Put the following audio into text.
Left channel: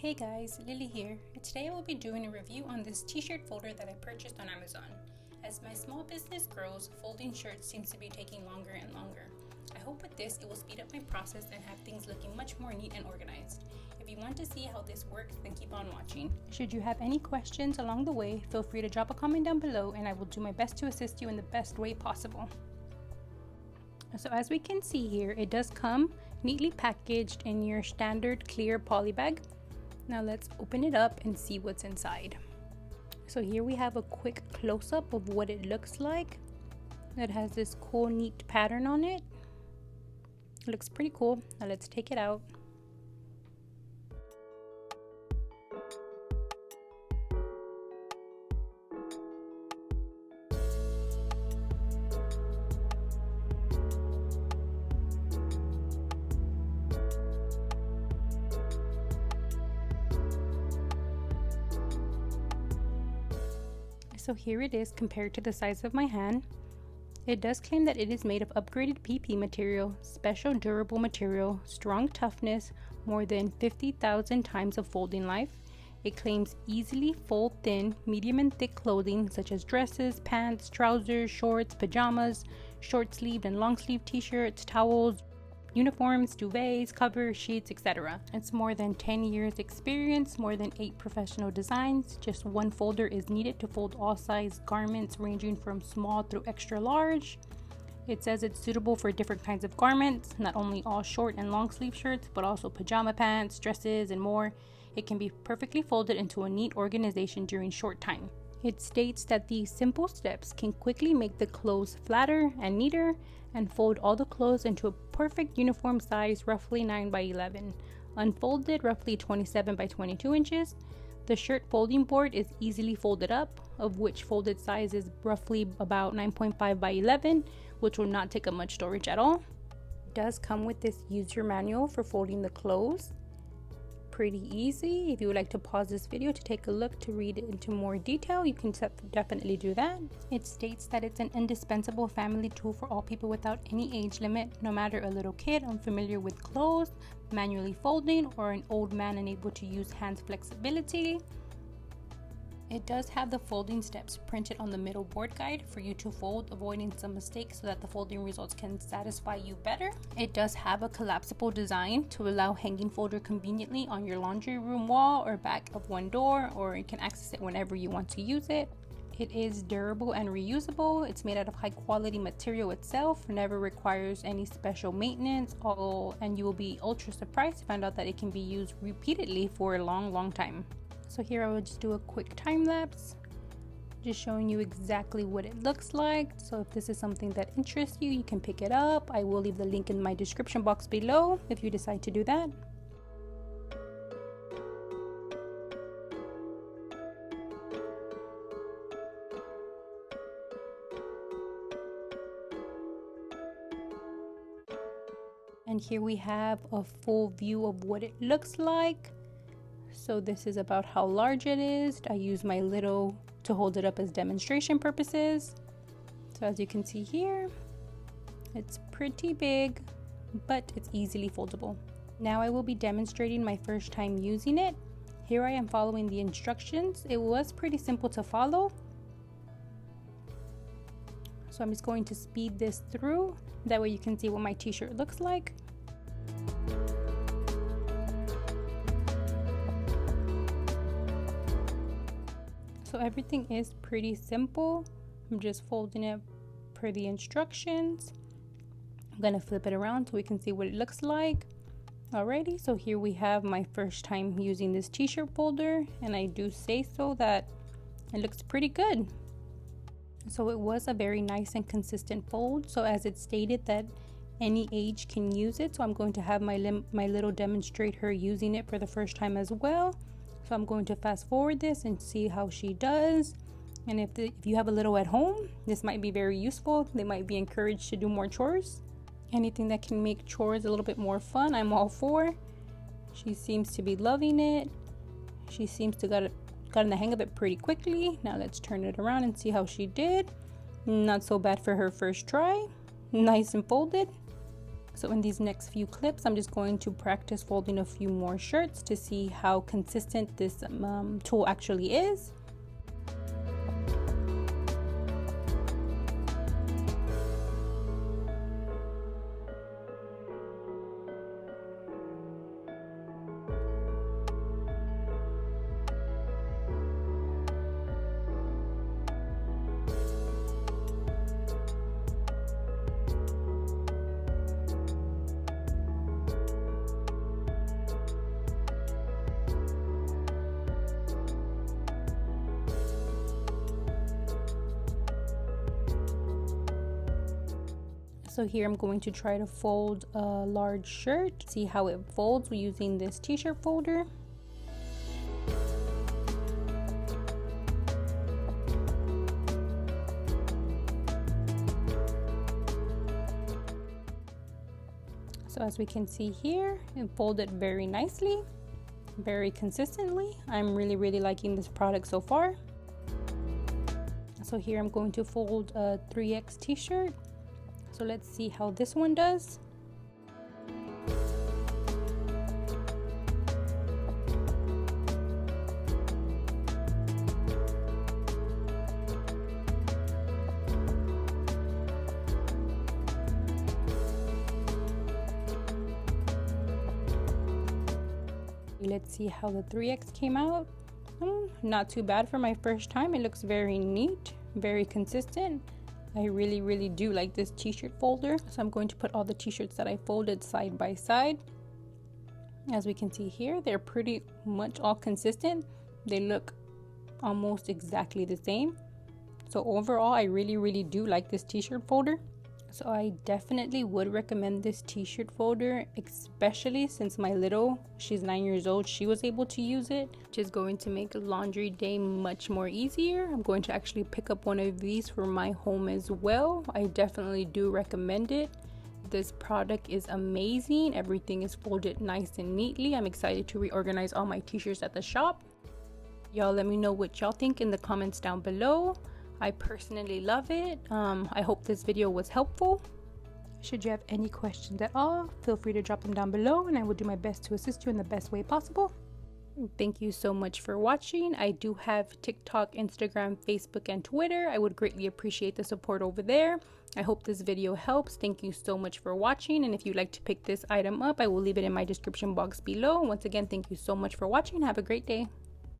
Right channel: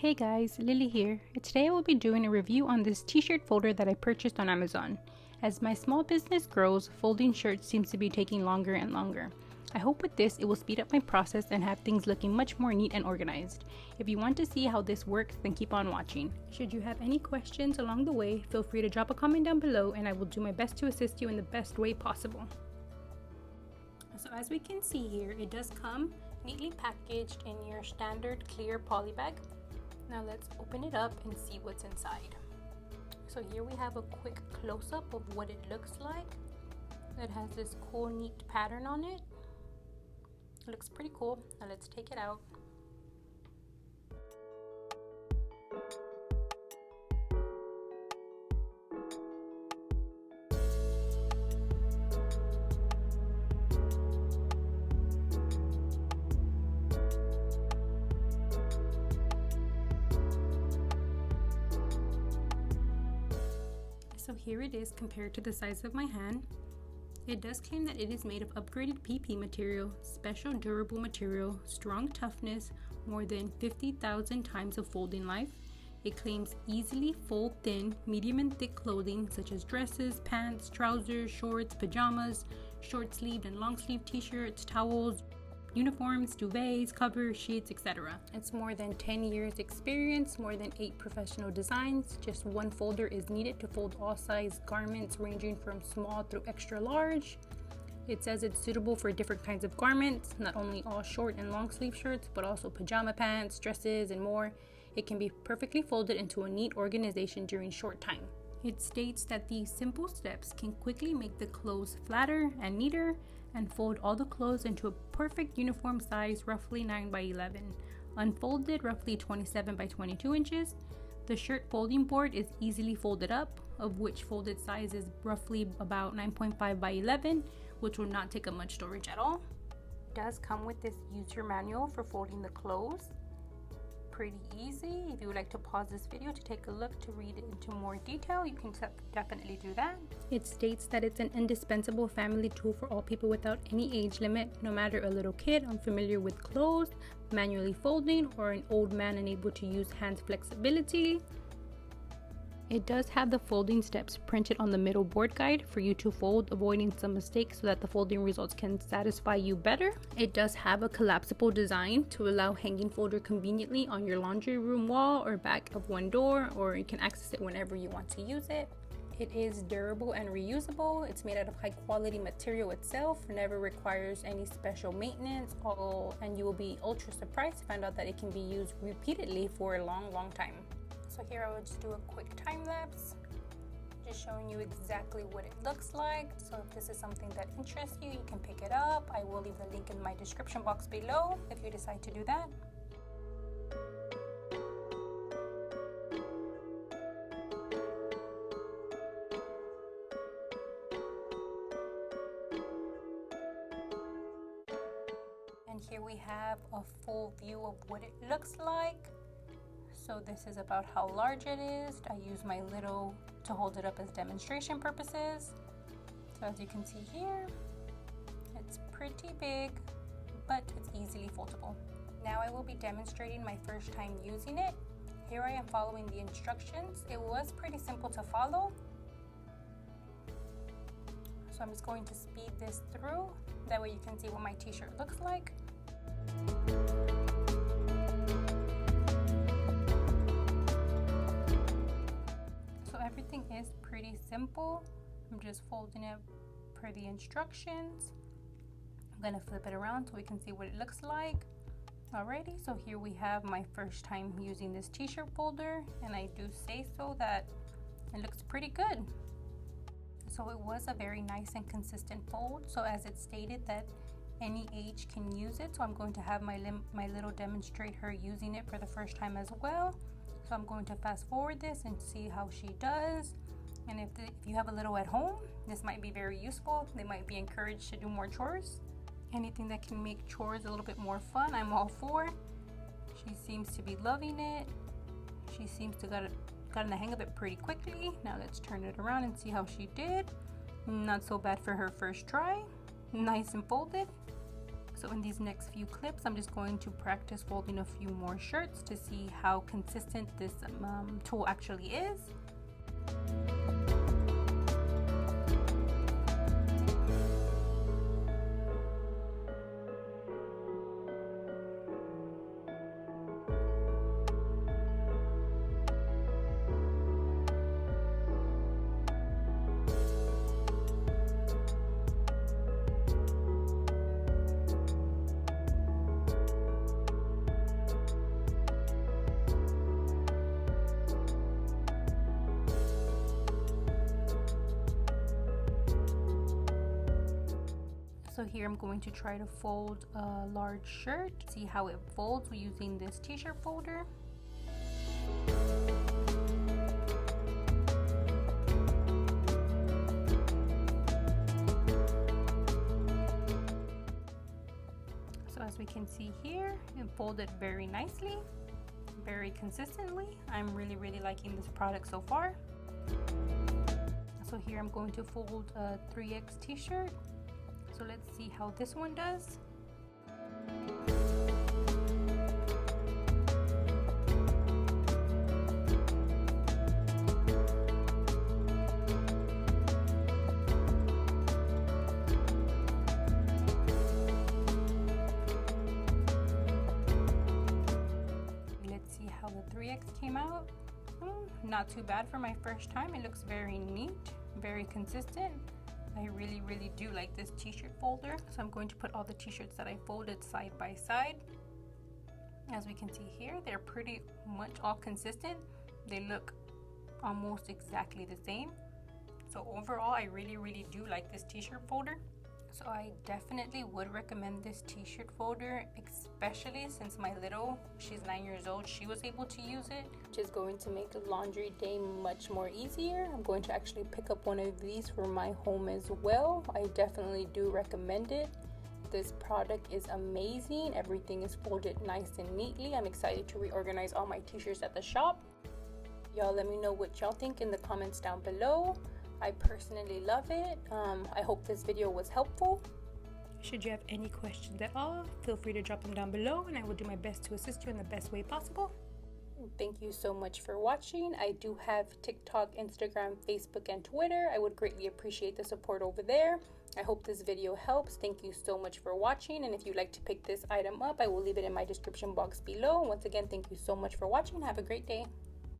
Hey guys, Lily here. Today I will be doing a review on this t-shirt folder that I purchased on Amazon. As my small business grows, folding shirts seems to be taking longer and longer. I hope with this it will speed up my process and have things looking much more neat and organized. If you want to see how this works, then keep on watching. Should you have any questions along the way, feel free to drop a comment down below and I will do my best to assist you in the best way possible. So as we can see here, it does come neatly packaged in your standard clear poly bag. Now let's open it up and see what's inside. So here we have a quick close-up of what it looks like. It has this cool neat pattern on it. It looks pretty cool. Now let's take it out. So here it is compared to the size of my hand. It does claim that it is made of upgraded PP material, special durable material, strong toughness, more than 50,000 times of folding life. It claims easily fold thin, medium and thick clothing such as dresses, pants, trousers, shorts, pajamas, short sleeved and long sleeve t-shirts, towels, uniforms, duvets, covers, sheets, etc. It's more than 10 years experience, more than 8 professional designs. Just one folder is needed to fold all size garments ranging from small through extra large. It says it's suitable for different kinds of garments, not only all short and long sleeve shirts, but also pajama pants, dresses, and more. It can be perfectly folded into a neat organization during short time. It states that these simple steps can quickly make the clothes flatter and neater and fold all the clothes into a perfect uniform size, roughly 9 by 11, unfolded roughly 27 by 22 inches. The shirt folding board is easily folded up, of which folded size is roughly about 9.5 by 11, which will not take up much storage at all. It does come with this user manual for folding the clothes. Pretty easy. If you would like to pause this video to take a look to read it into more detail, you can definitely do that. It states that it's an indispensable family tool for all people without any age limit, no matter a little kid unfamiliar with clothes, manually folding, or an old man unable to use hands flexibility. It does have the folding steps printed on the middle board guide for you to fold, avoiding some mistakes so that the folding results can satisfy you better. It does have a collapsible design to allow hanging folder conveniently on your laundry room wall or back of one door, or you can access it whenever you want to use it. It is durable and reusable. It's made out of high quality material itself, never requires any special maintenance, and you will be ultra surprised to find out that it can be used repeatedly for a long time. So here I will just do a quick time lapse, just showing you exactly what it looks like. So if this is something that interests you, you can pick it up. I will leave the link in my description box below if you decide to do that. And here we have a full view of what it looks like. So this is about how large it is. I use my little to hold it up as demonstration purposes. So as you can see here, it's pretty big, but it's easily foldable. Now I will be demonstrating my first time using it. Here I am following the instructions. It was pretty simple to follow. So I'm just going to speed this through. That way you can see what my t-shirt looks like. Everything is pretty simple. I'm just folding it per the instructions. I'm gonna flip it around so we can see what it looks like. Alrighty, so here we have my first time using this t-shirt folder, and I do say so that it looks pretty good. So it was a very nice and consistent fold. So as it stated that any age can use it, so I'm going to have my little demonstrator using it for the first time as well. So I'm going to fast forward this and see how she does. And if you have a little at home, this might be very useful. They might be encouraged to do more chores. Anything that can make chores a little bit more fun, I'm all for. She seems to be loving it. She seems to got in the hang of it pretty quickly. Now let's turn it around and see how she did. Not so bad for her first try. Nice and folded. So in these next few clips, I'm just going to practice folding a few more shirts to see how consistent this tool actually is. So here I'm going to try to fold a large shirt, see how it folds using this t-shirt folder. So as we can see here, it folded very nicely, very consistently. I'm really liking this product so far. So here I'm going to fold a 3X t-shirt. So let's see how this one does. Let's see how the 3X came out. Not too bad for my first time. It looks very neat, very consistent. I really do like this t-shirt folder. So I'm going to put all the t-shirts that I folded side by side. As we can see here, they're pretty much all consistent. They look almost exactly the same. So overall, I really do like this t-shirt folder. So I definitely would recommend this t-shirt folder, especially since my little, she's 9 years old, she was able to use it, which is going to make laundry day much more easier. I'm going to actually pick up one of these for my home as well. I definitely do recommend it. This product is amazing. Everything is folded nice and neatly. I'm excited to reorganize all my t-shirts at the shop. Y'all let me know what y'all think in the comments down below. I personally love it. I hope this video was helpful. Should you have any questions at all, feel free to drop them down below and I will do my best to assist you in the best way possible. Thank you so much for watching. I do have TikTok, Instagram, Facebook, and Twitter. I would greatly appreciate the support over there. I hope this video helps. Thank you so much for watching, and if you'd like to pick this item up, I will leave it in my description box below. Once again, thank you so much for watching. Have a great day.